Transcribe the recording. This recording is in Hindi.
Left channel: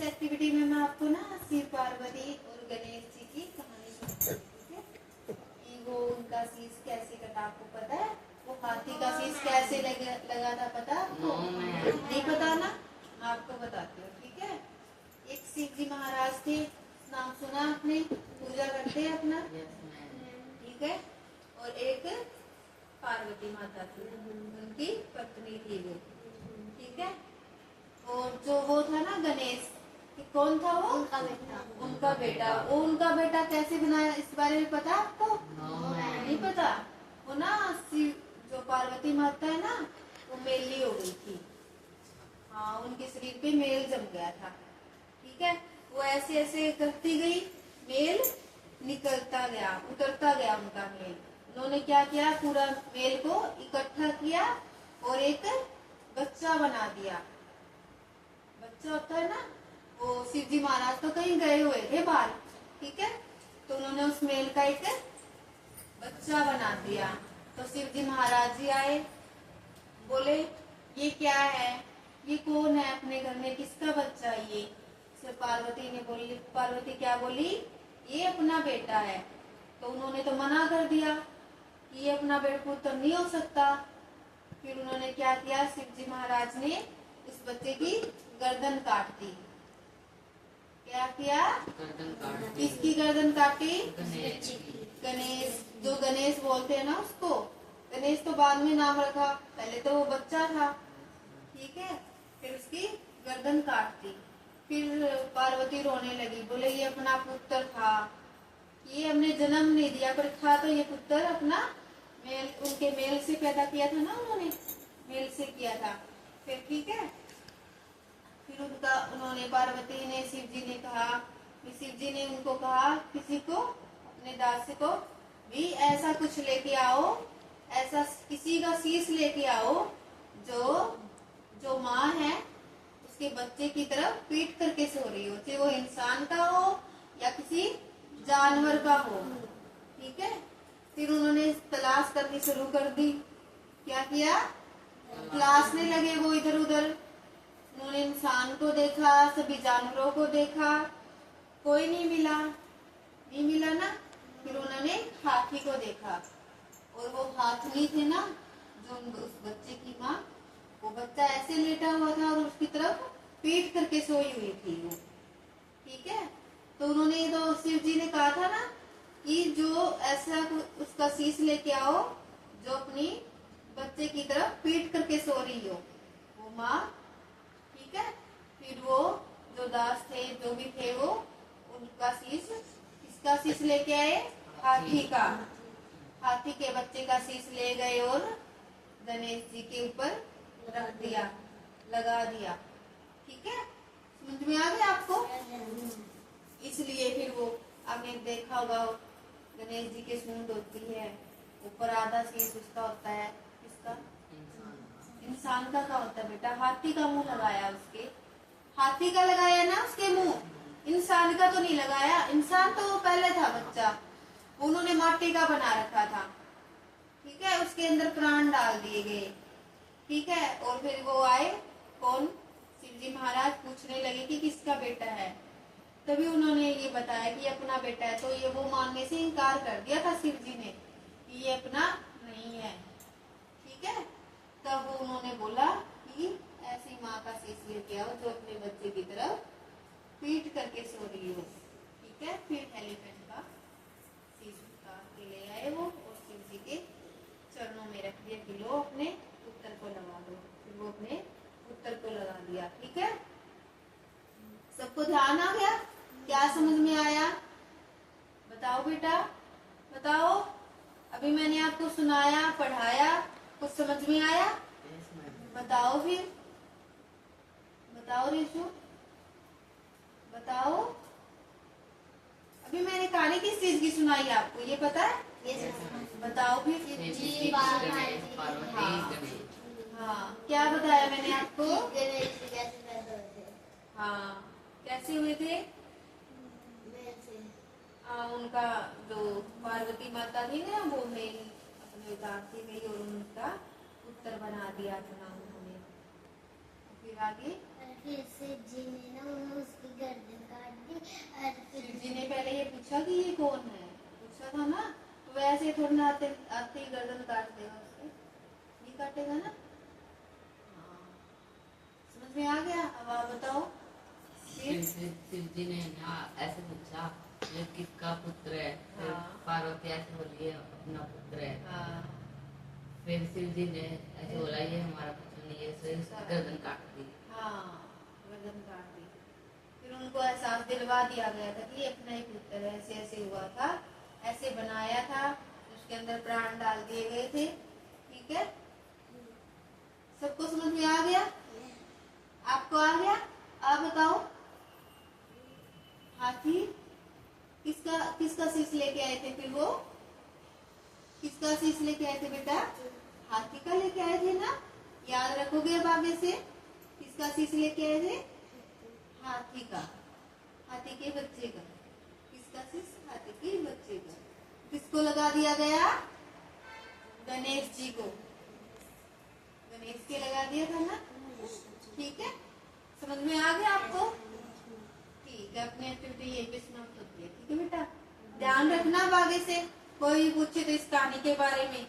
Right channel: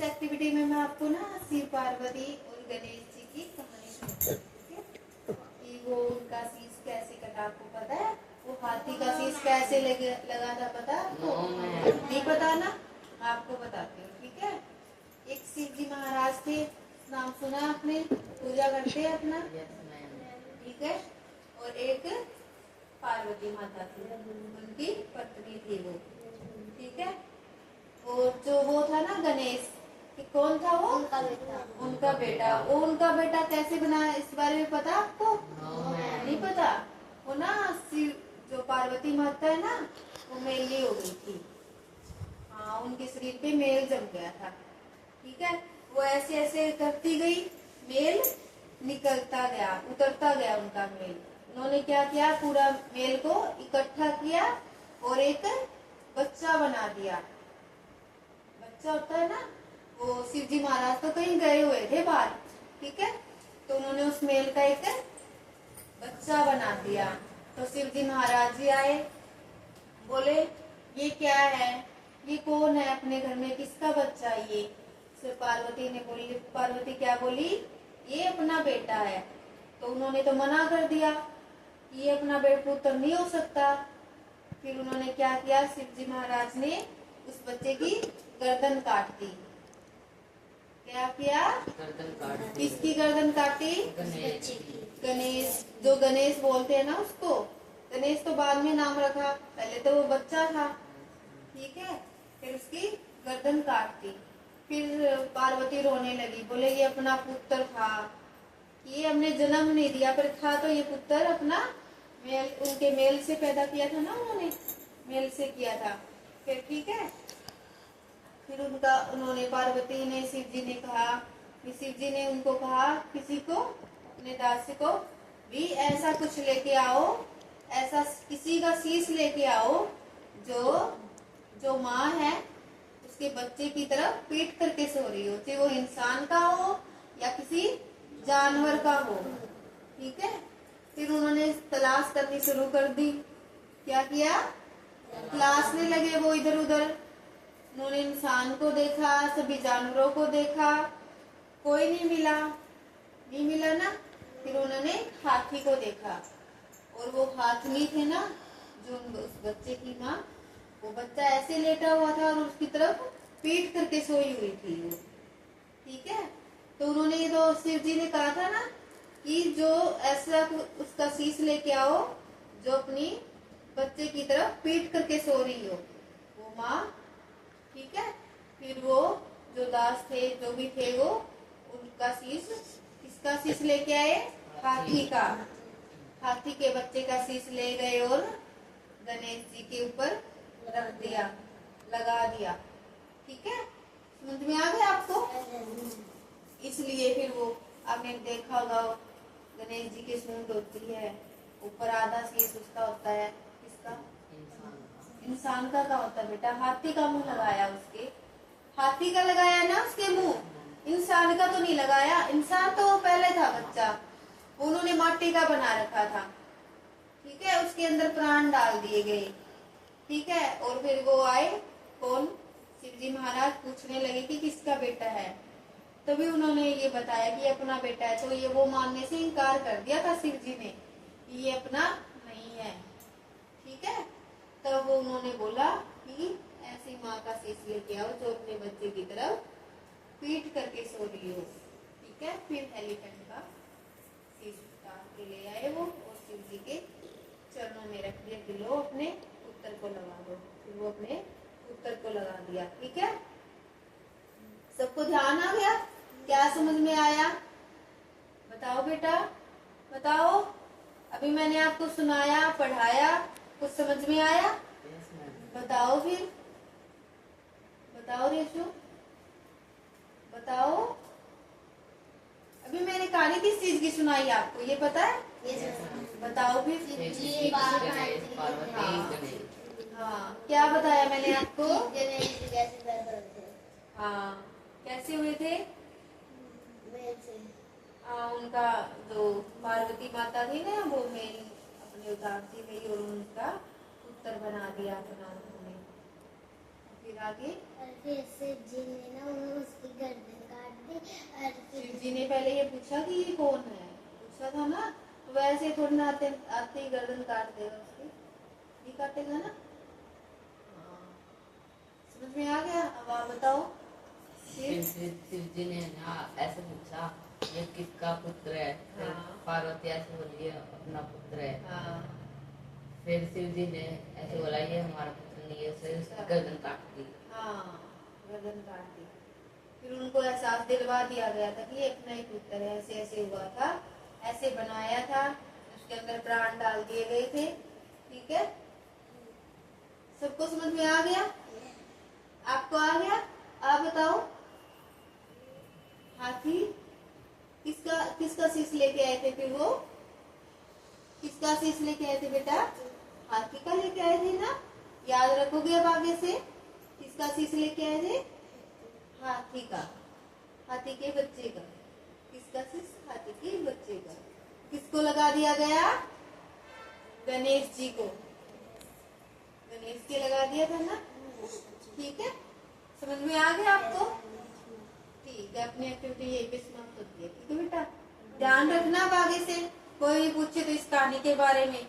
इस एक्टिविटी में मैं आपको ना शिव पार्वती और गणेश जी की कहानी सुनाऊंगी, ठीक है। कि वो उनका शीश कैसे कटा, आपको पता है? वो हाथी का शीश कैसे लगा था, पता है आपको? नहीं पता ना, आपको बताती हूँ, ठीक है। एक शिव जी महाराज थे, नाम सुना आपने, पूजा करते हैं अपना, ठीक है। और एक पार्वती माता थी, उनकी पत्नी थी वो, ठीक है। और जो वो था ना गणेश, कौन था वो? उनका बेटा। वो उनका बेटा कैसे बनाया, इस बारे में पता आपको? नहीं पता। वो ना शिव, जो पार्वती माता है ना, वो मेली हो गई थी। हाँ, उनके शरीर पे मेल जम गया था, ठीक है। वो ऐसे ऐसे करती गई, मेल निकलता गया, उतरता गया उनका मेल। उन्होंने क्या किया, पूरा मेल को इकट्ठा किया और एक बच्चा बना दिया। बच्चा होता है ना, वो शिव जी महाराज तो कहीं गए हुए थे बाहर, ठीक है। तो उन्होंने उस मेल का एक बच्चा बना दिया। तो शिव जी महाराज जी आए, बोले ये क्या है, ये कौन है अपने घर में, किसका बच्चा है ये? फिर पार्वती ने बोली, पार्वती क्या बोली, ये अपना बेटा है। तो उन्होंने तो मना कर दिया, ये अपना पुत्र नहीं हो सकता। फिर उन्होंने क्या किया, शिव जी महाराज ने उस बच्चे की गर्दन काट दी। क्या किया? गर्दन काट दी। किसकी गर्दन काटी? गणेश। गणेश, जो गणेश बोलते हैं ना उसको। गणेश तो बाद में नाम रखा, पहले तो वो बच्चा था, ठीक है। फिर उसकी गर्दन काट दी। फिर पार्वती रोने लगी, बोले ये अपना पुत्र था, ये हमने जन्म नहीं दिया, पर था तो ये पुत्र अपना मेल, उनके मेल से पैदा किया था ना, उन्होंने मेल से किया था। फिर ठीक है, फिर उन्होंने पार्वती ने, शिव जी ने कहा, शिव जी ने उनको कहा, किसी को, अपने दास को भी ऐसा कुछ लेके आओ, ऐसा किसी का शीश लेके आओ जो माँ है उसके बच्चे की तरफ पीट करके सो रही हो, चाहे वो इंसान का हो या किसी जानवर का हो, ठीक है। फिर उन्होंने तलाश करनी शुरू कर दी। क्या किया? तलाशने लगे वो इधर उधर। उन्होंने इंसान को देखा, सभी जानवरों को देखा, कोई नहीं मिला, नहीं मिला ना। फिर उन्होंने हाथी को देखा, और वो हाथनी थे ना, जो उस बच्चे की माँ, वो बच्चा ऐसे लेटा हुआ था और उसकी तरफ पीट करके सोई हुई थी वो, ठीक है। तो उन्होंने, तो शिव जी ने कहा था ना कि जो ऐसा उसका शीश लेके आओ जो अपनी बच्चे की तरफ पीट करके सो रही हो, वो माँ, ठीक है। फिर वो जो दास थे, जो भी थे, वो उनका शीश, किसका शीश लेके आए? हाथी का। हाथी के बच्चे का शीश ले गए और गणेश जी के ऊपर रख दिया, लगा दिया, ठीक है। समझ में आ गया आपको? इसलिए फिर वो आपने देखा होगा, गणेश जी की सूंड होती है, ऊपर आधा शीश उसका होता है, किसका? इंसान का होता है बेटा। हाथी का मुंह लगाया, उसके हाथी का लगाया ना उसके मुंह, इंसान का तो नहीं लगाया। इंसान तो पहले था बच्चा, उन्होंने माटी का बना रखा था, ठीक है। उसके अंदर प्राण डाल दिए गए, ठीक है। और फिर वो आए, कौन? शिव जी महाराज पूछने लगे कि किसका बेटा है। तभी उन्होंने ये बताया कि अपना बेटा है। तो ये वो मानने से इनकार कर दिया था शिव जी ने, ये अपना नहीं है, ठीक है। तब वो उन्होंने बोला कि ऐसी माँ का शीश लेके आओ जो अपने बच्चे की तरफ पीट करके सो रही हो, ठीक है। फिर एलिफेंट का शीश उतार के ले आए वो, और शिव जी के चरणों में रख दिया कि लो अपने पुत्र को लगा दो। फिर वो अपने पुत्र को लगा दिया, ठीक है। सबको ध्यान आ गया? क्या समझ में आया? बताओ बेटा, बताओ। अभी मैंने आपको सुनाया, पढ़ाया, कुछ समझ में आया? बताओ फिर, बताओ रेशु, बताओ। अभी मैंने कहानी किस चीज की सुनाई आपको, ये पता है? बताओ फिर। हाँ, क्या बताया मैंने आपको? हाँ, कैसे हुए थे? उनका जो पार्वती माता थी ना, वो मेरी अपने उतारती गई और उनका पुत्र बना दिया अपना उन्होंने। फिर आगे और फिर शिव जी ने ना उसकी गर्दन काट दी। और शिव फिर जी ने पहले ये पूछा कि ये कौन है, पूछा था ना, तो वैसे थोड़ी ना आते आते ही गर्दन काट देगा उसकी, नहीं काटेगा ना। हाँ, समझ में आ गया। अब आप बताओ। फिर शिव जी ने ना ऐसे पूछा ये किसका पुत्र है। फिर हाँ। पार्वती ऐसे बोली है अपना पुत्र है। हाँ, फिर शिव जी ने ऐसे बोला ये हमारा पुत्र नहीं है, फिर उसकी गर्दन काट दी। हाँ, गर्दन काट दी। फिर उनको एहसास दिलवा दिया गया था कि ये अपना ही पुत्र है, ऐसे ऐसे हुआ था, ऐसे बनाया था, उसके अंदर प्राण डाल दिए गए थे। ठीक है, सबको समझ में आ गया? आपको आ गया? आप बताओ। हाथी किसका किसका शीश लेके आए थे? फिर वो किसका शीश लेके आए थे बेटा? हाथी का लेके आए थे ना, याद रखोगे अब आगे से। किसका शीश लेके आए थे? हाथी का, हाथी के बच्चे का। किसका शीश? हाथी के बच्चे का। किसको लगा दिया गया? गणेश जी को, गणेश के लगा दिया था ना। ठीक है, समझ में आ गया आपको? ठीक है, अपनी एक्टिविटी यही पे समाप्त होती है। ठीक है बेटा, ध्यान रखना अब आगे से कोई पूछे तो इस कहानी के बारे में।